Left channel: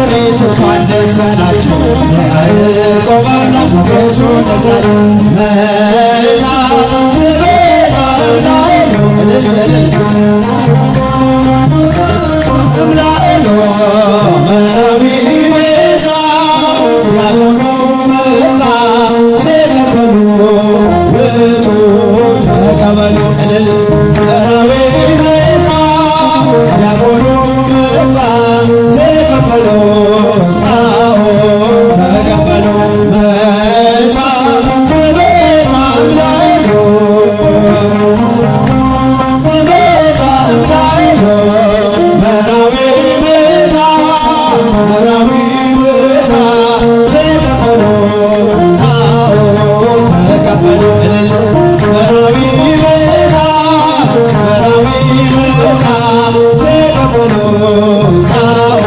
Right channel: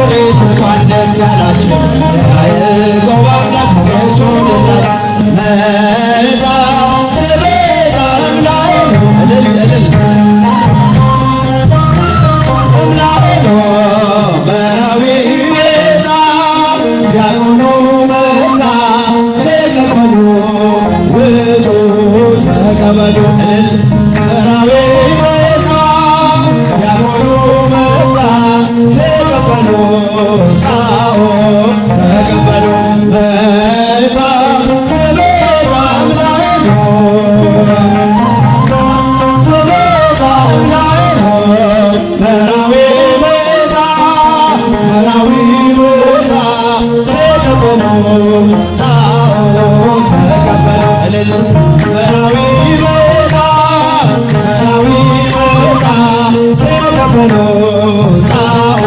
ሙሽሪት እንኳን ደስ ያላችሁ የያዕቆብ አምላክ ሞገስ ሆነላት። መጻ ዘበዛ እምላእሎ እልል እልል እምላእሎ መራዊ መጻ ዲያቆኑ መጣ ተቀበሉ ውጡ ተቀበሉ እልል መራዊ መጻ ዲያቆኑ መጣ ተቀበሉ ጻኦ ተቀበሉ መጻ ዘበዛ እምላእሎ ዘበዛ እምላእሎ መራዊ መጻ መራዊ መጻ ተቀበሉ ጻኦ ተቀበሉ እልል መራዊ መጻ መራዊ መጻ ተቀበሉ ጻኦ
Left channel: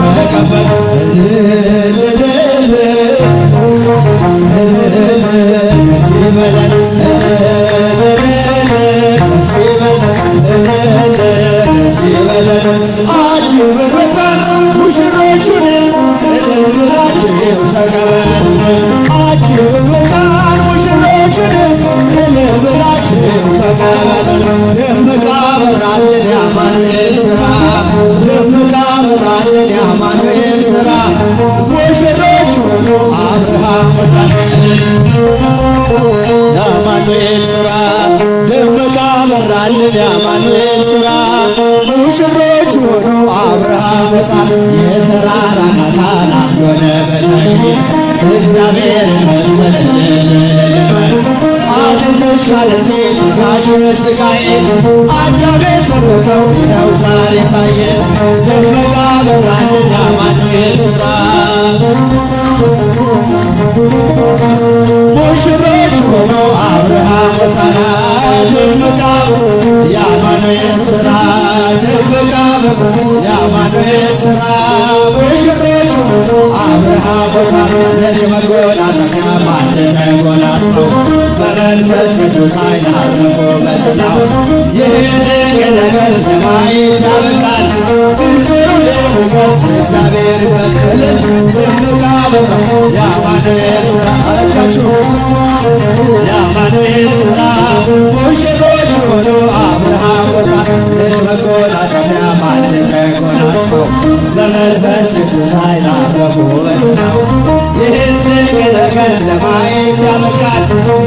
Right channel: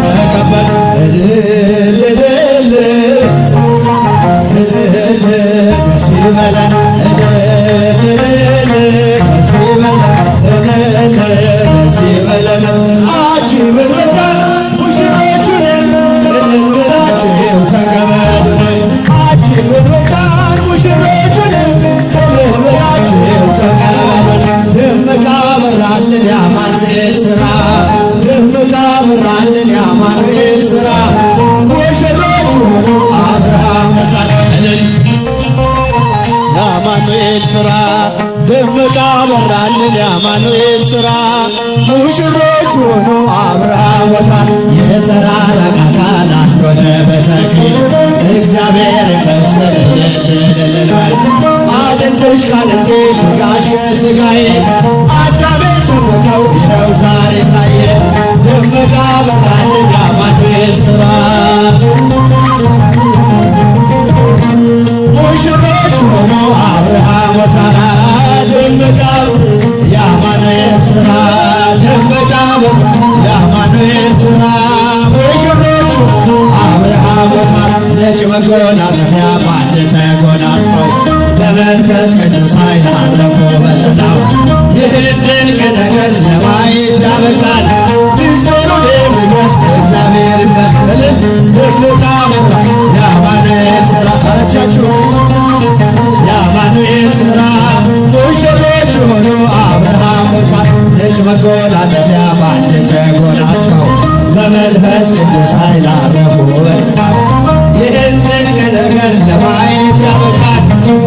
ተቀበሉ እልል እልል እልል ደስ ይበለን እልል እልል ደስ ይበለን እልል ደስ ይበለን። አጅበን መጣን ሙሽሮቹን እልል ብላችሁ ተቀበሉን። አጅበን መጣን ሙሽሮቹን እልል ብላችሁ ተቀበሉን። ደምቃ በራልን የአማኑኤል ሥራ ደምቃ በራልን የአማኑኤል ሥራ ሙሽሮች ሆኑ አብርሃም ወሳት እልል የአማኑኤል ሥራ ደምቃ በራልን የአማኑኤል ሥራ ሙሽሮች ሆኑ አብርሃም ወሳት የተራራቀ አካል አንድ ሆነ በተክሊል እግዚአብሔር ይመስገን እልል እልል በል። አጥንትሽ ካጥንቴ ሥጋሽ ከሥጋዬ አዳሜ ሰበከው ይኸው ዛሬ ታየ። ደመቃ በራልን የአማኑኤል ሥራ ሙሽሮች ሆኖ አብርሃም ወሳራ ደመቃ የአማኑኤል ሥራ ደመቃ በር የአማኑኤል ሥራ ሙሽሮቹ አብርሃም ወሳራ ነጭ መጎናጸፊያ በአንድ ተጎናጽፈው በመንፈስ ቅዱስ ኃይል አረፉ በጥላው። ይህን ድንቅ ነገር ለማየት ያበቃል ምስጢሩን የሚገልጽ እግዚአብሔር ይመስገን። ደምቃ በራ የአማኑኤል ሥራ አረቻችሁ የአማኑኤል ሥራ ሙሽሮች ሆኑ አብርሃም ወሳት ነጭ መጎናጸፊያ በአንድ ተጎናጽፈው በመንፈስ ቅዱስ ኃይል አረፉ በጥላው። ይህን ድንቅ ነገር ለማየት ያበቃል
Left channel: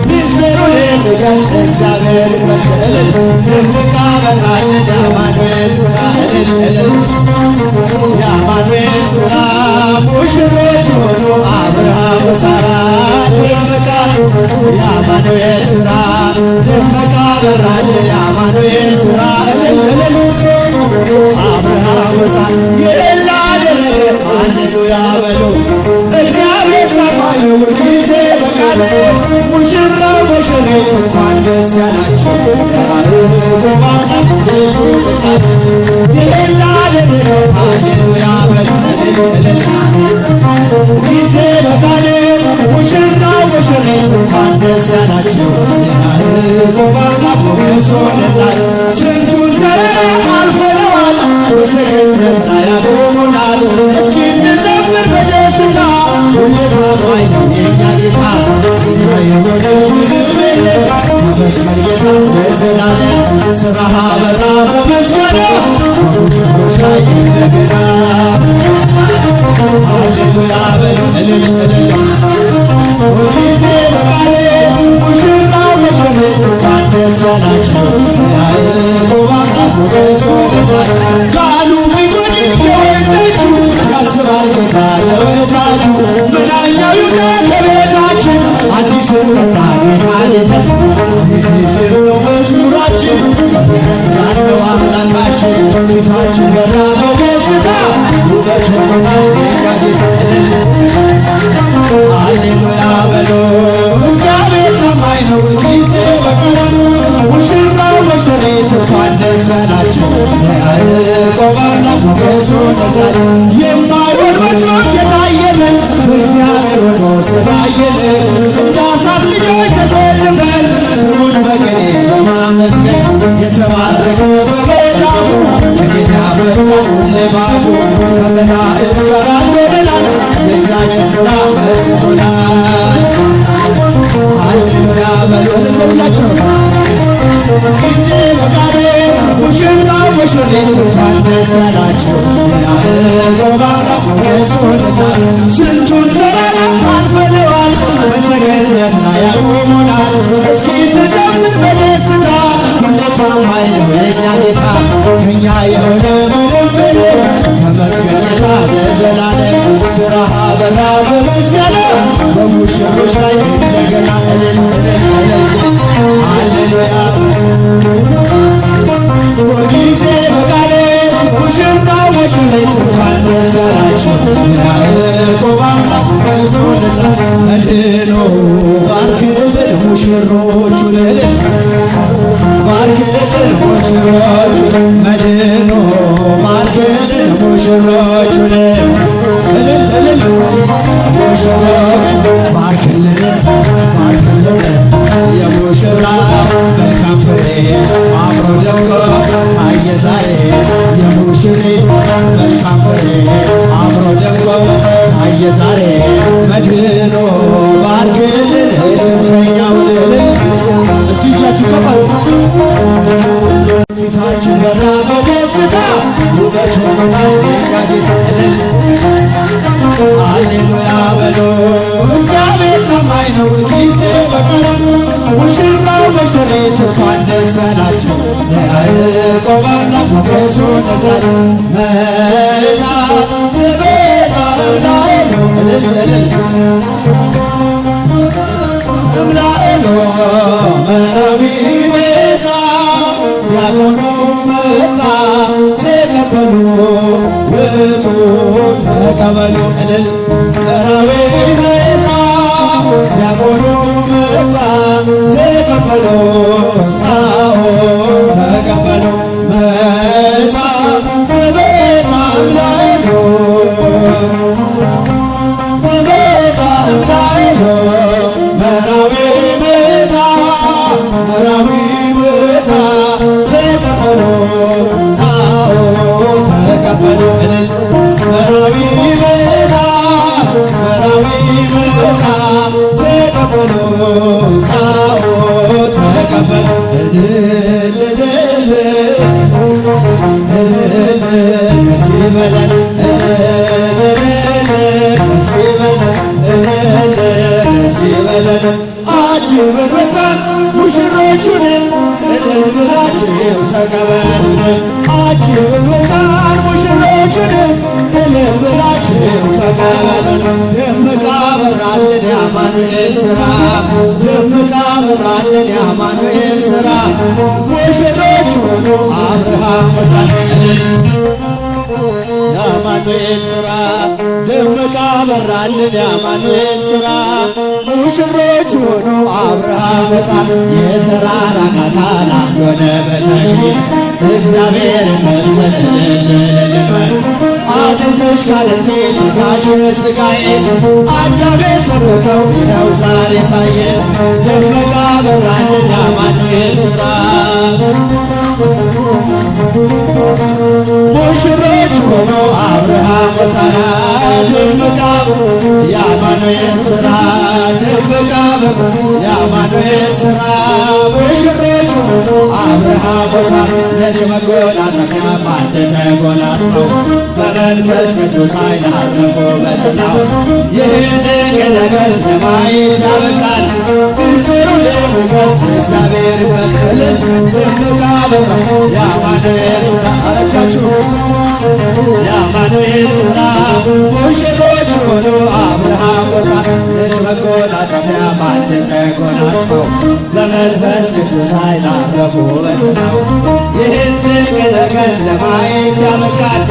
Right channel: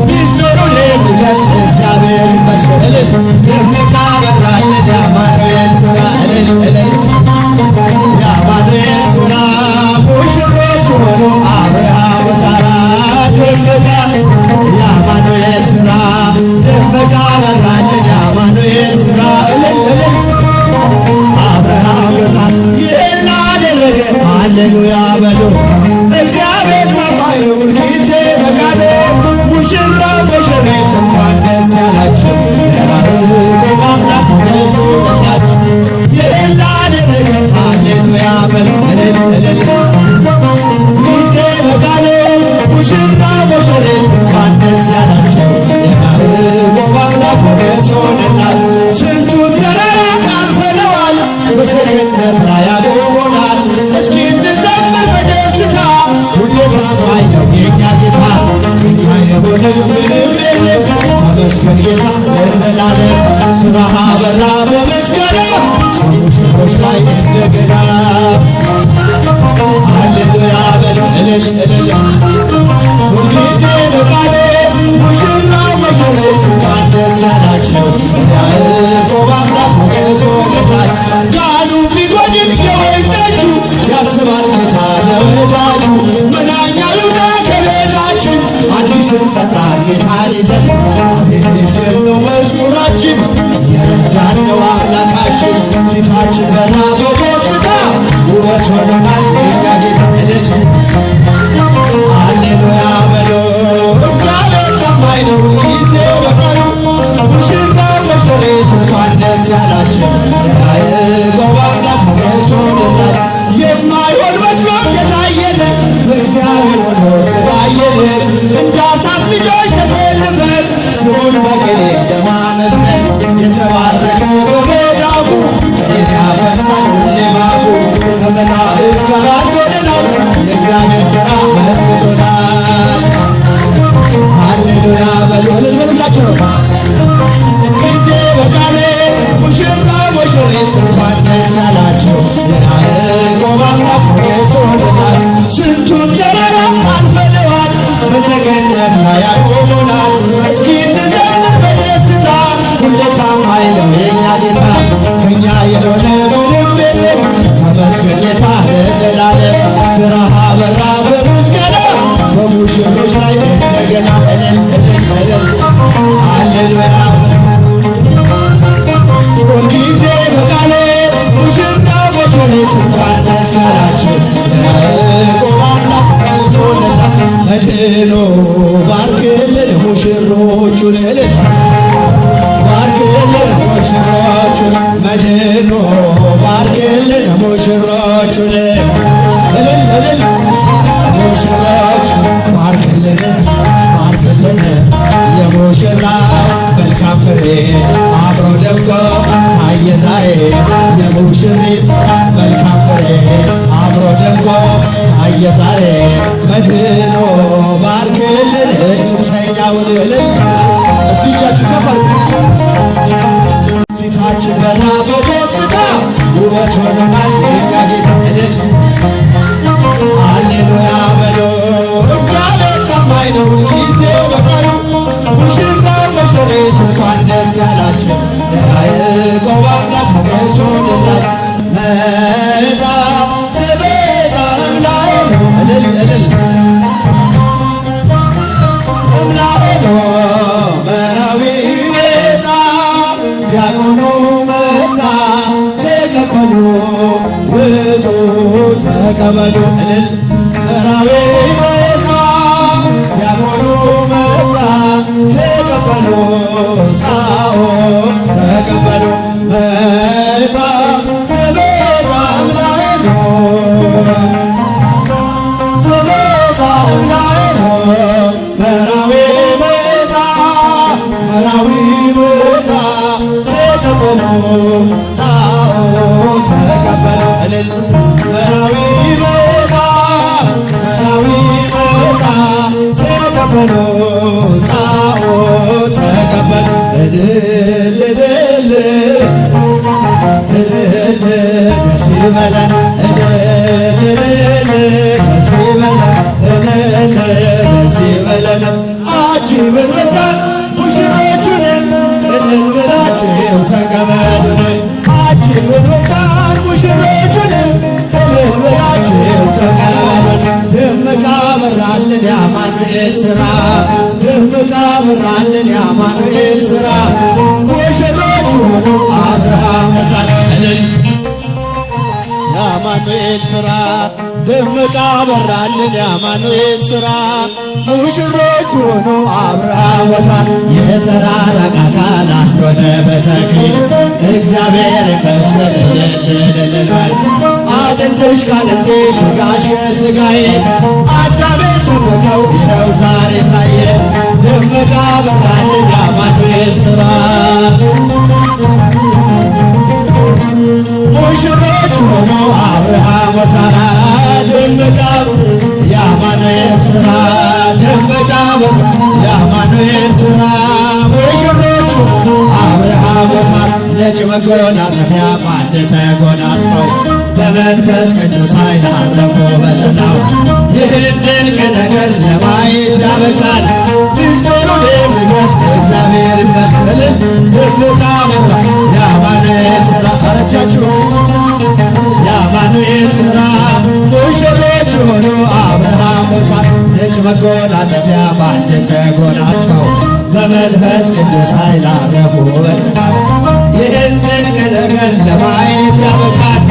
ምስጢሩን የሚገልጽ እግዚአብሔር ይመስገን። እልል ደምቃ በራልን የአማኑኤል ሥራ እልል እልል የአማኑኤል ሥራ ሙሽሮች ሆኑ አብርሃም ወሳራ ደምቃ የአማኑኤል ሥራ ደምቃ በራልን የአማኑኤል ሥራ እልል እልል አብርሃም ወሳት ይህን ላደረገ ሃሌሉያ በሉ። እግዚአብሔር ታማኝ ነው ሁልጊዜ በቃሉ። ሙሽራው ሙሽሪት እንኳን ደስ ያላችሁ የያዕቆብ አምላክ ሞገስ ሆነላችሁ። ይህን ላደረገ ሃሌሉያ በሉ እልል እልል ጊዜ በቃሉ። ሙሽራው ሙሽሪት እንኳን ደስ ያላችሁ የያዕቆብ አምላክ ሞገስ ሆነላችሁ። ስንቱን ተራራ አልፈነዋል በሰገነት ላይ ያቆሙናል። እስኪ እንዘምር በደስታ ሁሌ ታማኝ ነው የእኛ ጌታ። የኛ የሆነ ምንም የለም ተመስገን ጌታ ለዘላለም። ሥራህ በራ በምስጋና በሙሽሮች ላይ እንደገና ሃሌሉያ በሉ እልል እልል ሁልጊዜ በቃሉ። ሙሽራው ሙሽሪት እንኳን ደስ ያላችሁ የያዕቆብ አምላክ ሞገስ ሆነላችሁ። ቃሉ ቢጎድል የወይን ጠጁ ያስባል ጌታ ለወዳጁ። ምናኛው ይውጣ ከቤታችን አዲስን ጠጣ ጌታን ይዘን። አቤኔዘር ነው መዝሙራችን የረዳን ነው አምላካችን። ፊታችን በራ በደስታ ውበት ሆኖናል የእኛ ጌታ እልል ሃሌሉያ በሎ። እግዚአብሔር ታማኝ ነው ሁልጊዜ በቀኑ። ሙሽራው ሙሽሪት እንኳን ደስ ያላችሁ የያዕቆብ አምላክ ሞገስ ሆነላችሁ። የማይሆን መስሎ የታየን በእግዚአብሔር ሆኖ ስላየን እንደ አሳፍ ልጆች ተሰልፈን ስሙን በቅኔ በማመስገን የተባረከ በመዳፉ ቅኔን ያፈሳል ሁሌ ባፉ ከመላእክት ጋር ሁላችሁ ጊዜ በቃሉ ሙሽራው ሙሽሪት እንኳን ደስ ያላችሁ የያዕቆብ አምላክ ሞገስ ሆነናል። ስንቱን ተራራ አልፈነዋል በሰገነት ላይ ያቆሙናል። እስኪ እንዘምር በደስታ ሁሌ ታማኝ ነው የእኛ ጌታ ከእኛ የሆነ ምንም የለም ተመስገን ጌታ ለዘላለም። ስራህ አበራ በምስጋና በሙሽሮች ላይ እንደገና እልል እልል እልል ሃሌሉያ ሁልጊዜ በቃሉ ሙሽራው ሙሽሪት እንኳን ደስ ያላችሁ የያዕቆብ አምላክ ሆነናል። መድኖ ባርክልን ሙሽሮቹን እልል ባርክልን ሙሽሮቹን መድኖ ባርክልን ሙሽሮቹን እልል እልል ሙሽሮቹ ባርክልን ባርክልን የሙሽራ መልካም ፍሬ አብሮ ደምቆ ታየ ዛሬ የሙሽሪት መልካም ፍሬ አብሮ ደምቆ ታየ ዛሬ መድኖ ባርክልን እጅብተኛውን እልል እስቲ እጃችሁ ከፍ ፊታችን በራ በደስታ ውበት ሆኖናል የእኛ ጌታ እልል ሃሌሉያ በሎ እግዚአብሔር ታማኝ ነው ሁልጊዜ በቃሉ ሙሽራው ሙሽሪት እንኳን ደስ ያላችሁ የያዕቆብ አምላክ ሞገስ ሆነናል። መጻ ዘቤዛ እምላኤሎ እልል እልል እምላኤሎ መራዊ ቤዛ ዲያቆኑ መጣ ተቀበሉ ውጡ ተቀበሉ እልል መራዊ ቤዛ ዲያቆኑ መጣ ተቀበሉ ጻኦ ተቀበሉ መጻ ዘቤዛ እምላኤሎ ዘቤዛ እምላኤሎ መራዊ ቤዛ መራዊ ቤዛ ተቀበሉ ጻኦ ተቀበሉ እልል መራዊ ቤዛ መራዊ ቤዛ ተቀበሉ ጻኦ ተቀበሉ እልል እልል እልል ደስ ይበለን እልል እልል ደስ ይበለን እልል ደስ ይበለን አጅበን መጣን ሙሽሮቹንም እልል ብላችሁ ተቀበሉን አጅበን መጣን ሙሽሮቹንም እልል ብላችሁ ተቀበሉን ደምቃ በራልን የአማኑኤል ሥራ ደምቃ በራልን የአማኑኤል ሥራ ሙሽሮች ሆኑ አብርሃም ወሳት እልል የአማኑኤል ሥራ ደምቃ በራልን የአማኑኤል ሥራ ሙሽሮች ሆኑ አብርሃም ወሳት የተራራቀ አካል አንድ ሆነ በተክሊል እግዚአብሔር ይመስገን እልል እልል በል አጥንትሽ ካጥንቴ ሥጋሽ ከሥጋዬ አዳም የሰበከው ይኸው ዛሬ ታየ ደምቃ በራልን የአማኑኤል ሥራ ሙሽሮች ሆኖ አብርሃም ወሳራ ደምቃ የአማኑኤል ሥራ ደምቃ የአማኑኤል ሥራ ሙሽሮች አብርሃም ወሳራ ነጭ መጎናጸፊያ በአንድ ተጎናጽፈው በመንፈስ ቅዱስ ኃይል አረፉ በጥላው ይህን ድንቅ ነገር ለማየት ያበቃል ምስጢሩን የሚገልጽ እግዚአብሔር ይመስገን ደምቃ በራ የአማኑኤል ሥራ አረጃችሁ የአማኑኤል ሥራ ሙሽሮች ሆኑ አብርሃም ወሳራ ነጭ መጎናጸፊያ በአንድ ተጎናጽፈው በመንፈስ ቅዱስ ኃይል አረፉ በጥላው ይህን ድንቅ ነገር ለማየት ያበቃል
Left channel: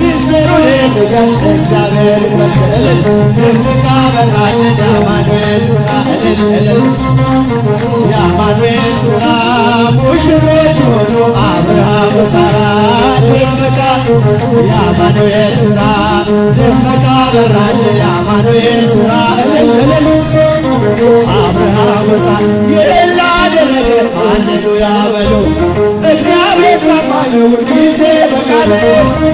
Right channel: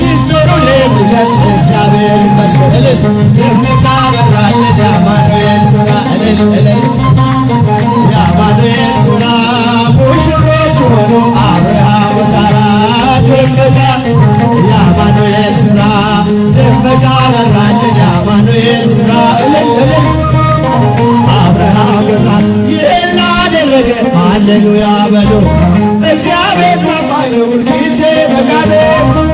ምስጢሩን የሚገልጽ እግዚአብሔር ይመስገን እልል ደምቃ በራልን የአማኑኤል ሥራ እልል እልል የአማኑኤል ሥራ ሙሽሮች ሆኑ አብርሃም ወሳራ ደምቃ የአማኑኤል ሥራ ደምቃ በራልን የአማኑኤል ሥራ እልል እልል አብርሃም ወሳራ ይህን ላደረገ ሃሌሉያ በሉ እግዚአብሔር ታማኝ ነው ሁልጊዜ በቃሉ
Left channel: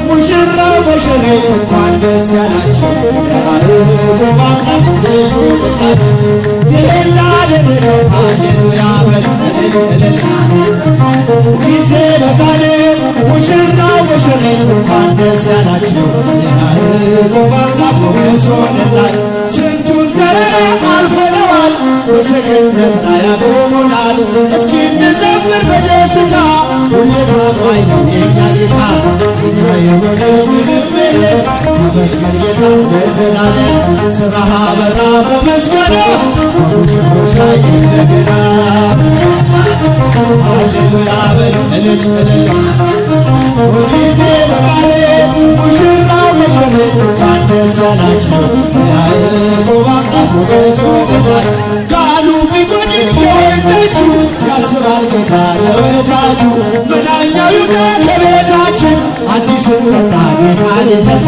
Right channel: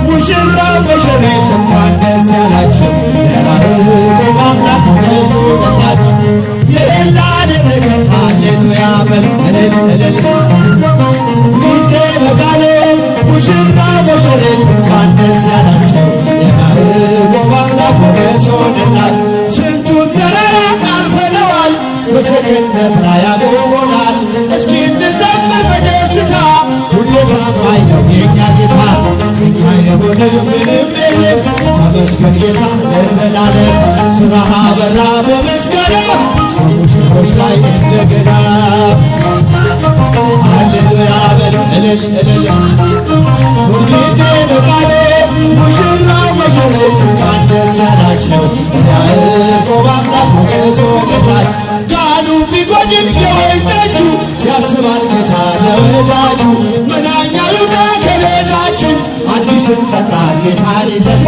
ሙሽራው ሙሽሪት እንኳን ደስ ያላችሁ የያዕቆብ አምላክ ሞገስ ሆነላችሁ ይህን ላደረገው ሃሌሉያ በሉ እልል እልል። ጊዜ በቃሉ ሙሽራው ሙሽሪት እንኳን ደስ ያላቸው የያዕቆብ አምላክ ሞገስ ሆነላቸው። ስንቱን ተራራ አልፈነዋል በሰገነት ላይ ያቆሙናል። እስኪ እንዘምር በደስታ ሁሌ ታማኝ ነው የእኛ ጌታ። የእኛ የሆነ ምንም የለም ተመስገን ጌታ ለዘላለም። ሥራህ አበራ በምስጋና በሙሽሮች ላይ እንደገና ሃሌሉያ በሉ እልል እልል። ሁልጊዜ በቃሉ ሙሽራው ሙሽሪት እንኳን ደስ ያላቸው የያዕቆብ አምላክ ሞገስ ሆነላቸው። ካህኑ ቢጎድል የወይን ጠጁ ያስባል ጌታ ለወዳጁ። መናኛው ይውጣ ከቤታችን አዲስን ጠጣ ጌታን ይዘን።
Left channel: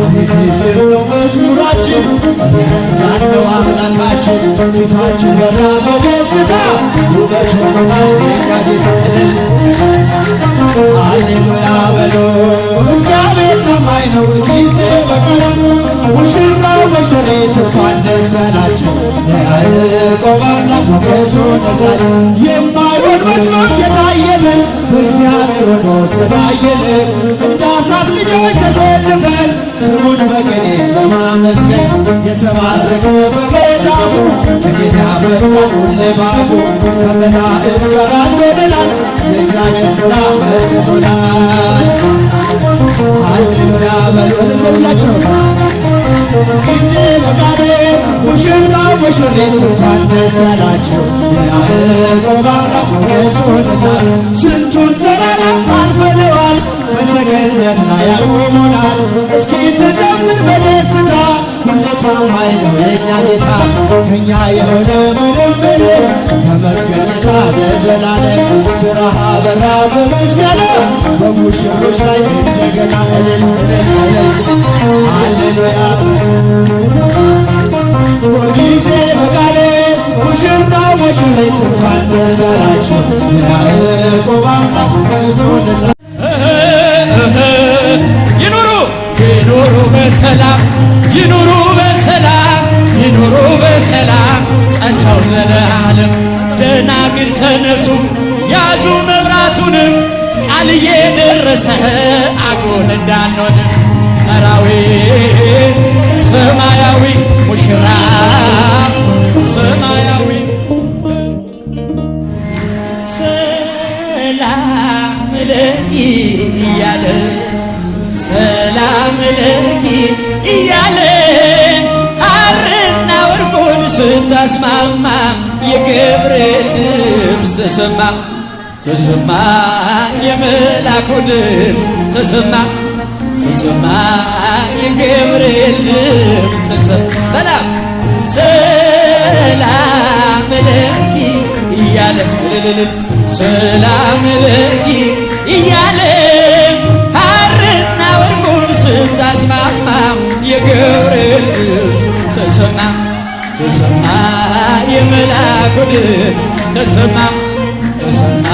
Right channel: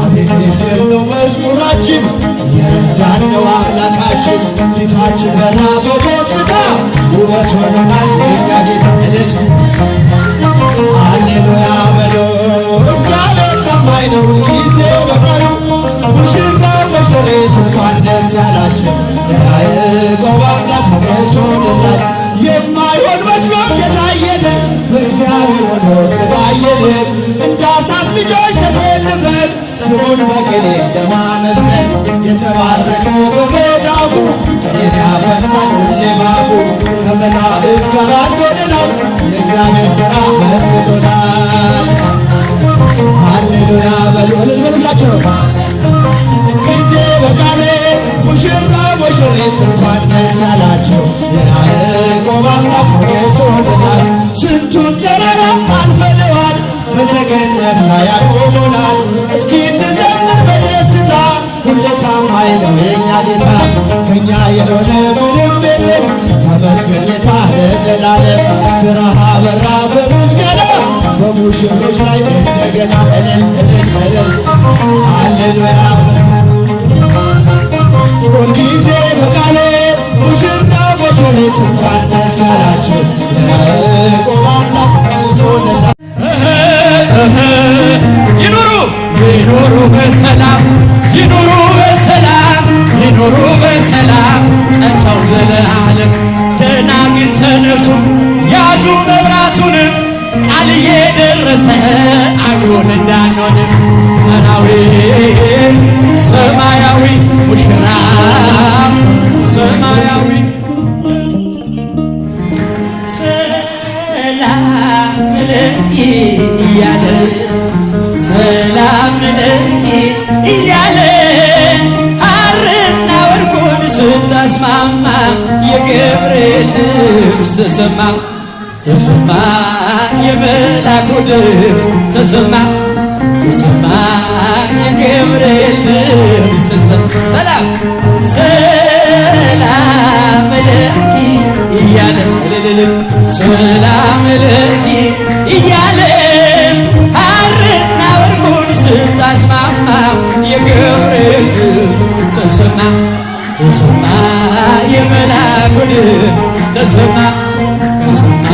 አቤኔዘር ነው መዝሙራችን እየረዳን ነው አምላካችን። ፊታችን በራ በደስታ ውበት ሆኖናል የእኛ ጌታ እልል ሃሌሉያ በሎ። እግዚአብሔር ታማኝ ነው ሁልጊዜ በቃሉ ሙሽራው ሙሽሪት እንኳን ደስ ያላቸው የያዕቆብ አምላክ ሞገስ ሆነላቸው። የማይሆን መስሎ የታየንን በእግዚአብሔር ሆኖ ስላየንን እንደ አሳት ልጆች ተሰልፈን ስሙን በቅኔ በማመስገን የተባረከ በመዳፉ ቅኔን ያፈሳል ሁሌ ባፉ። ከመላእክት ጋር አንድ ሆነናል የእግዚአብሔር ሥራ መስጦናል። ሃሌሉያ በሉ እልል በሉላቸው። ጊዜ በቃሉ ሙሽራው ሙሽሪት እንኳን ደስ ያላቸው የያዕቆብ አምላክ ሞገስ ሆነላቸው። ስንቱን ተራራ አልፈነዋል በሰገነት ላይ ያቆሙናል። እስኪ እንዘምር በደስታ ሁሌ ታማኝ ነው የእኛ ጌታ። ከእኛ የሆነ ምንም የለም ተመስገን ጌታ ለዘላለም። ሥራህ አበራ በምስጋና በሙሽሮች ላይ እንደገና እልል እልል እልል ሃሌሉያ። ሁልጊዜ በቃሉ ሙሽራው ሙሽሪት እንኳን ደስ ያላቸው የያዕቆብ አምላክ ሞገስ ሆነላቸው። ይኑሩ ይኑሩ በሰላም ይኑሩ በሰላም ይኑሩ በሰላም ጸንተው ዘለዓለም። ደናግል ተነሱ ያዙ መብራቱንም ቃል እየደረሰ አጎል እንዳንሆንም መራዊ ሰማያዊ ሙሽራ ሰማያዊ ሰላም ለኪ እያለ ሰላም ለኪ እያለ ሐርና ወርቁን ስታስማማ የገብርኤል ድምፅ ተሰማ ተሰማ የመላኩ ድምፅ ተሰማ ተሰማ የገብርኤል ድምፅ ተሰማ። ሰላም ሰላም ለኪ እያለ እልልል ሰላም ለኪ እያለ ሐርና ወርቁን ስታስማማ የገብርኤል ድምፅ ተሰማ ተሰማ የመላኩ ድምፅ ተሰማ ተሰማ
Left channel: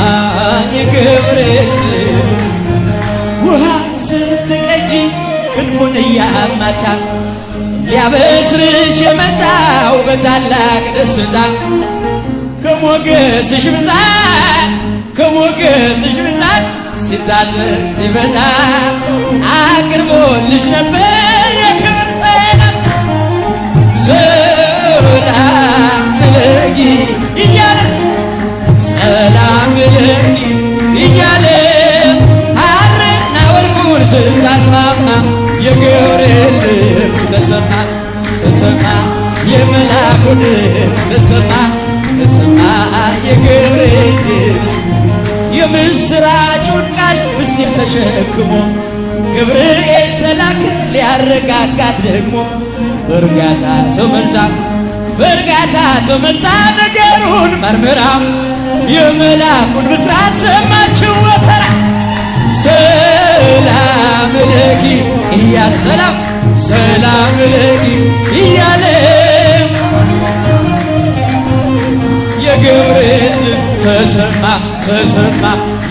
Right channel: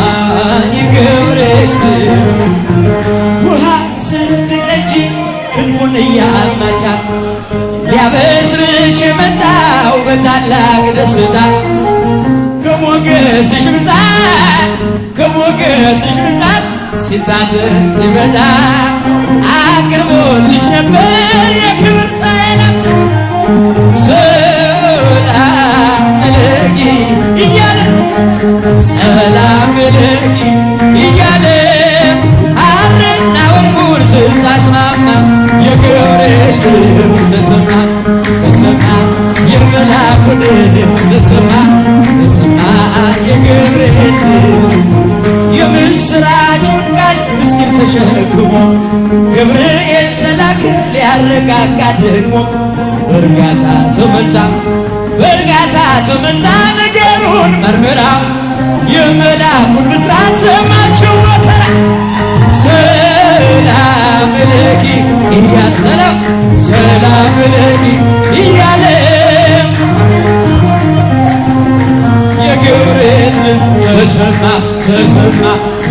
የገብርኤል ድምፅ። ውሃ ስትቀጂ ክንፉን እያማታ ሊያበስርሽ የመጣው በታላቅ ደስታ ከሞገስሽ ብዛት ከሞገስሽ ብዛት ሲታጠቅ ሲበዛ አቅርቦልሽ ነበር የክብር ሰላም። ሰላም ለኪ እያለ ሰላም ለኪ እያለ ሐርና ወርቁን ስታስማማ የገብርኤል ድምፅ ተሰማ ተሰማ የመላኩ ድምፅ ተሰማ ተሰማ የገብርኤል ድምፅ። የምስራቹን ቃል ምስጢር ተሸክሞ ገብርኤል ተላከ ሊያረጋጋት ደግሞ በእርጋታ ተመልታ በእርጋታ ተመልታ ነገሩን መርምራ የመላኩን ብስራት ሰማችው በተራ። ሰላም ለኪ እያለ ሰላም ሰላም ለኪ እያለ የገብርኤል ተሰማ ተሰማ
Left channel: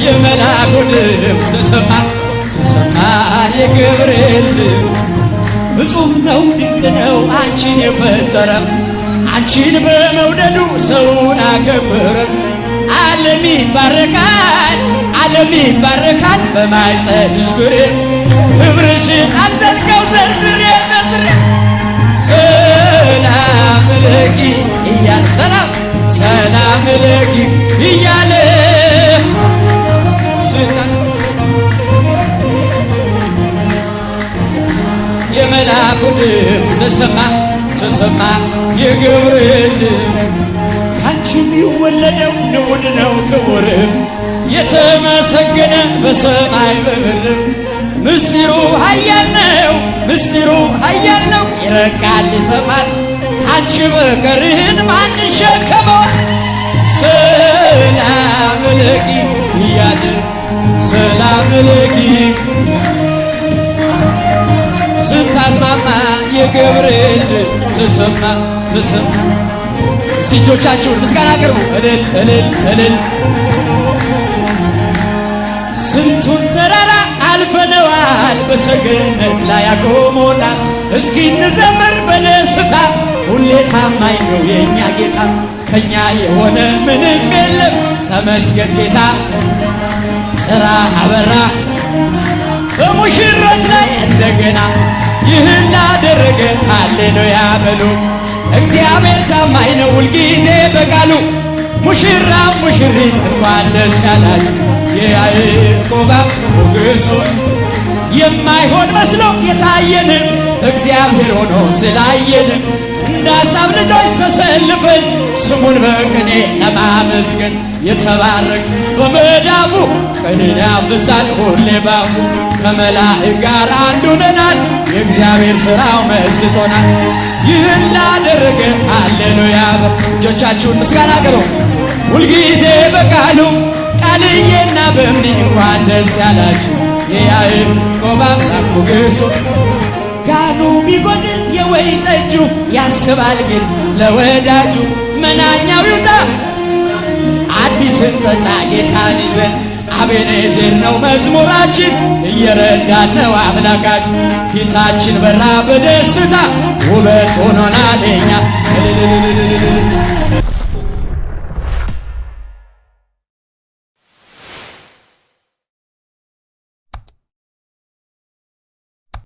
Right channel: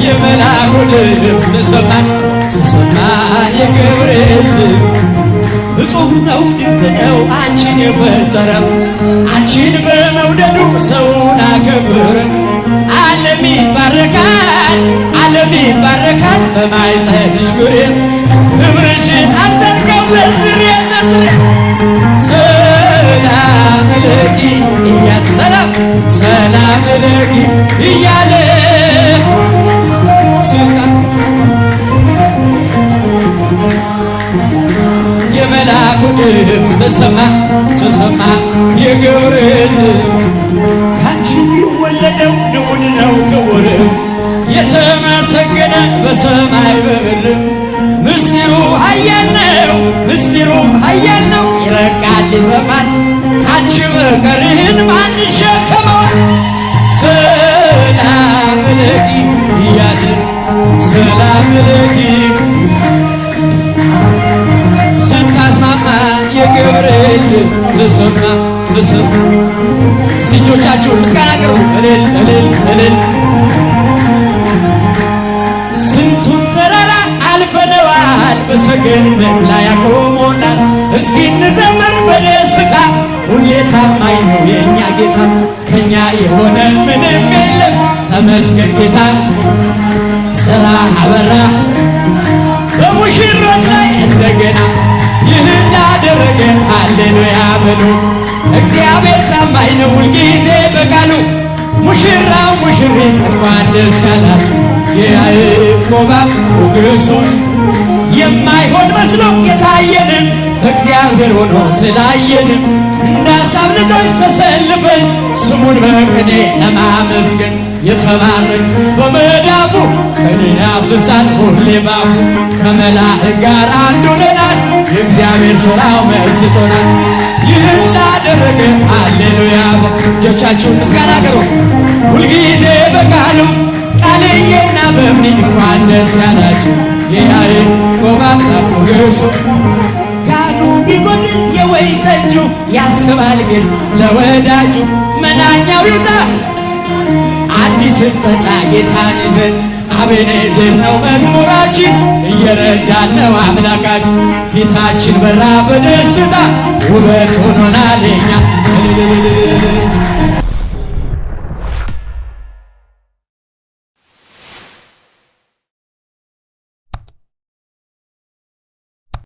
የመላኩ ድምፅ ተሰማ ተሰማ የገብርኤል ድምፅ። እጹብ ነው ድንቅ ነው አንቺን የፈጠረ አንቺን በመውደዱ ሰውን አከበረ። ዓለም ይባረካል ዓለም ይባረካል በማኅፀንሽ ፍሬ ክብርሽን አልዘልቀው ዘርዝሬ ሰላም ለኪ እያለ ሰላም ለኪ እያለ የመልአኩ ድምፅ ተሰማ የገብርኤል ካንቺ የሚወለደው ንዑድ ነው ክቡርም የተመሰገነ በሰማይ በምድርም ምስጢሩ ኃያል ነው ይረቃል ይሰፋል አንቺ በቀርህን ማን ይሸከመዋል? ሰላም ለኪ እያለ ሰላም ለኪ ስታስማማ የገብርኤል ተሰማ እጆቻችሁን ምስጋና አቅርቡ እልል ስንቱን ተራራ አልፈነዋል በሰገነት ላይ አቆሞናል። እስኪ እንዘምር በደስታ ሁሌ ታማኝ ነው የእኛ ጌታ ከኛ የሆነ ምንም የለም ተመስገን ጌታ ሥራ አበራ በሙሽሮች ላይ እንደገና ይህን ላደረገ ሃሌሉያ በሉ። እግዚአብሔር ታማኝ ነው ሁልጊዜ በቃሉ ሙሽራው ሙሽሪት እንኳን ደስ ያላችሁ የያዕቆብ ሞገሱን የማይሆን መስሎ የታየንም እግዚአብሔር ሆኖ ስላየንም እንደ ሐሳብ ልጆች ተሰልፈን ስሙን በቅኔ ለማመስገን የተባረክ በመዳፉ ቀንን ያፍሳል ሁሌ ባፉ ከመላእክት ጋር አንድ ሆነናል የእግዚአብሔር ሥራው መስጦናል። ይህን ላደረገ ሃሌሉያ እጆቻችሁን ምስጋና አቅርቡ ሁልጊዜ በቃሉ ቃልዬና በእምኒ እንኳን ደስ ያላችሁ የያዕቆብ አምላክ ሞገሱ ጋኑ ቢጎድል የወይን ጠጁ ያስባል ጌታ ለወዳጁ መናኛው ይውጣ አዲስን ጠጣ ጌታን ይዘን አቤኔዘር ነው መዝሙራችን እየረዳን ነው አምላካችን ፊታችን በራ በደስታ ውበት ሆኖናል የኛ